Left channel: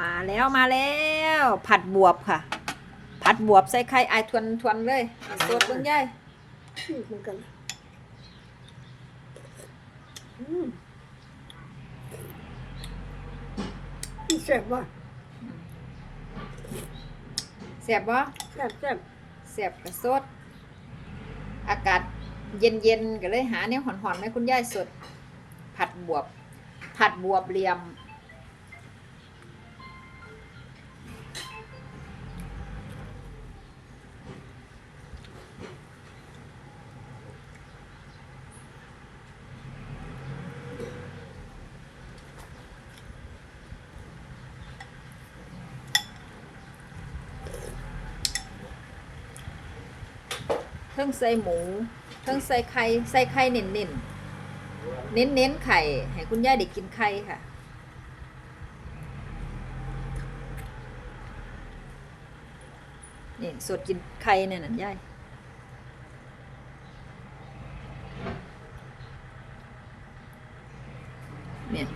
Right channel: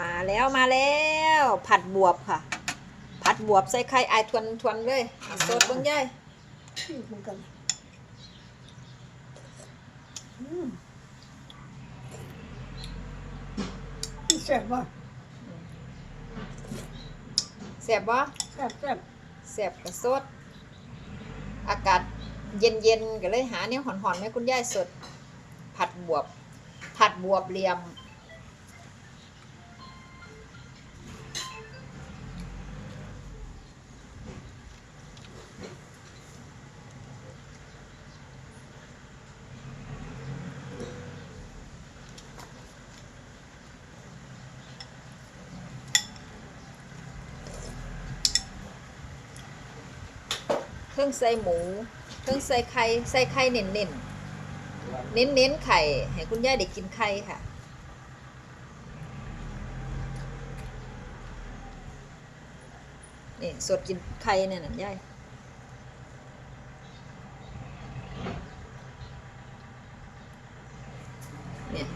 มาแล้วมาแล้ว ผัดบวบค่ะ ผัดบวบใส่ไข่ไอายทวนทวนเลยเอาสดเบิ่งยายชื่อเหมือนกันอืมอีแซ่บบ่แซ่บบ่แซ่บแซ่บแซ่บกับสด อากาศเย็นเย็นๆก็เลยหาเนี่ยหอนๆไหมคุณยายสด ผัดบวบ ผัดบวบเหลี่ยม เครื่องใส่หมูเครื่องใส่ไข่ใส่ไข่เน้นเน้นเน้นเน้นๆไข่ให้คุณย่าได้กินไข่ค่ะ นี่สดกินไข่เนี่ยนั่ย่ายเนี่ย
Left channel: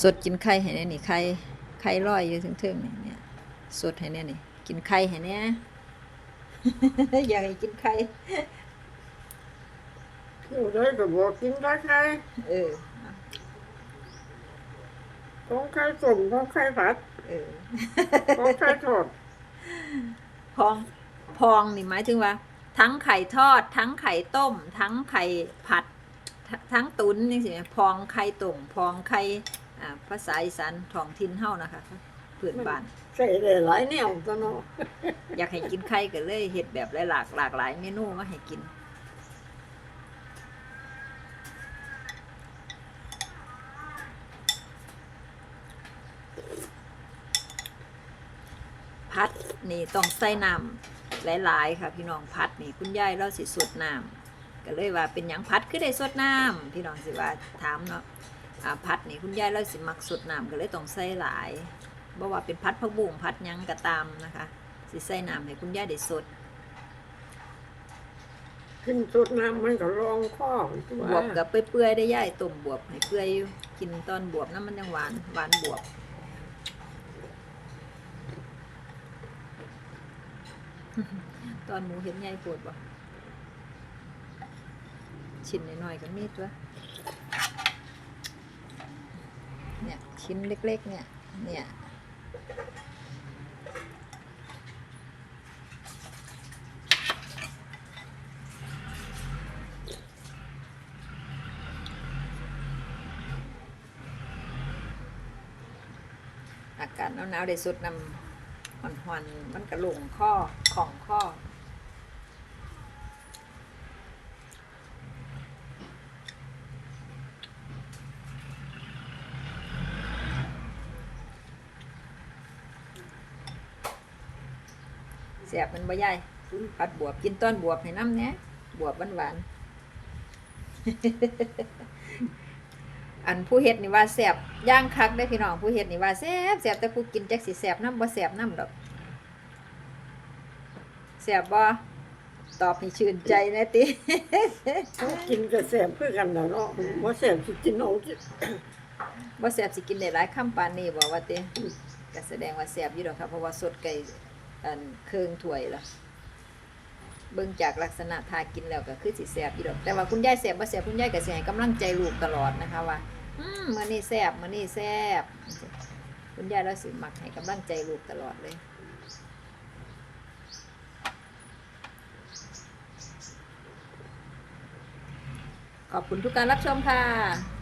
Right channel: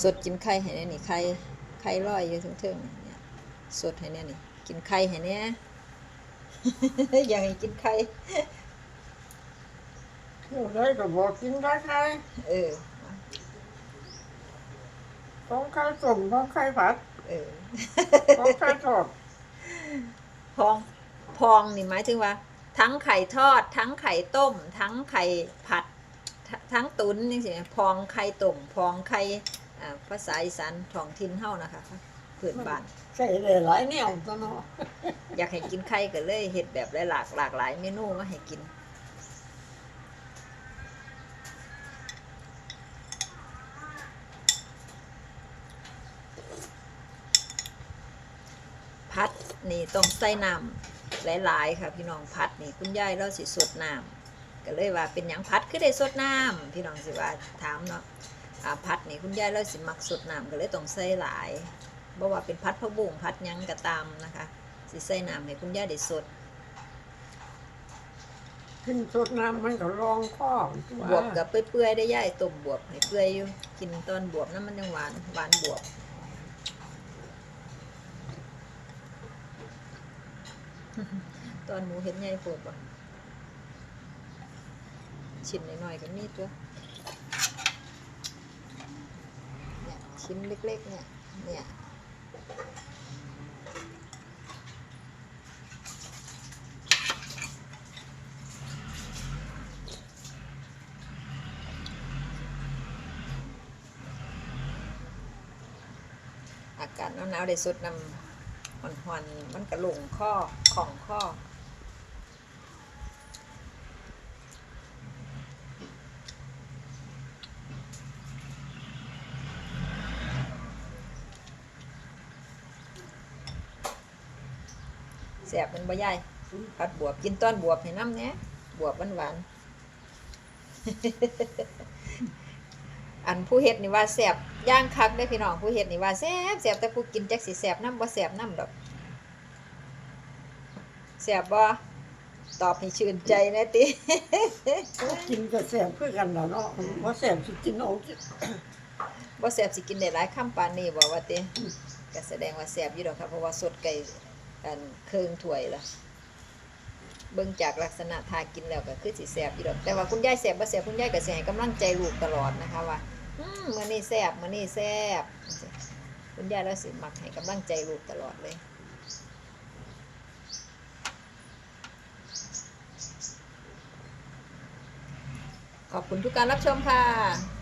สดกินไข่ให้เนี่ยนี่ไข่ไข่ลอยอยู่ถึงๆนี่เนี่ยสดให้เนี่ยนี่กินไข่ให้เนี่ย อยากให้กินไข่เที่ยวได้ก็บอกกินได้ไข่เออของไข่ต้มของไข่ผัดเออของไข่ทอดพองพองนี่หมายถึงว่า ทั้งไข่ทอด ทั้งไข่ต้ม ทั้งไข่ผัดททั้งตุ๋นนี่สิพองไข่ต้มพองไข่อ่าภาษาอีสานท้องถิ่นเฮานะคะ พื้นบ้าน ใส่ได้หลายแนวตัวเนาะอยากให้กินไข่ก็เลยเฮ็ดแบบหลากหลากหลายเมนูมาให้กินพัดนี่ต้องใส่น้ำหลายๆค่ะพี่น้องพัดนี่คุณยายเราสิสดน้ำก็เลยว่าเป็นหยังพัดคือได้สดน้ำพี่น้องสิว่าถามเนาะอ่าพัดนี่คุณยายเราสิมักสดน้ำก็เลยต้องใส่หลาย บ่ว่าเป็นพัดผักบุ้งพัดหยังก็ตามนะคะสิใส่น้ำให้คุณยายได้สดขึ้นสดน้ำมันก็รองข้อบวบกับเปื่อยๆได้ย่ายต้มบวบให้เปื่อยอยู่กินตอนบวบน้ำมันยังหวานหวานบวบตอนหมูเห็นใหญ่ปวดบ่ชิ้นน้อยๆก็มีตัวเนี่ยชิ้นเล็กๆเนี่ยเนี่ย อากาศหนาวๆได้สุดนำหอนๆมันกระลงข้อของข้อแสบมันบ่ใหญ่ผัดบวบกินต้อนบวบให้น้ำเนี้ยบวบหวานๆ อันผู้เฮ็ดนี่ว่าแสบย่างคักได้อพี่น้องผู้เฮ็ดนี่ว่าแสบแสบแต่ผู้กินจักสิแสบน้ำบ่แสบน้ำดอกแสบบ่ตอบให้ชื่นใจนะติกินก็แซ่บเพื่อกันแล้วเนาะบ่แซ่บสิกินเอาสิบ่แสบสิกินได้หลายคำปานนี้บ่ว่าติก็แสดงว่าแสบอยู่ดอกครับเพราะว่าสดไก่อันเครื่องถ้วยแล้วเบิ่งจากลักษณะทากินแล้วก็คือสิแสบอยู่ดอกแต่ว่าคุณยายแสบบ่แสบคุณยายก็สิให้กำลังใจลูกตลอดนะคะว่าอื มมื้อนี่แซบมื่อนี่แซบคุณยายเราสิมักให้กำลังใจลูกตลอดเลยขอบคุณทุกการรับชมค่ะ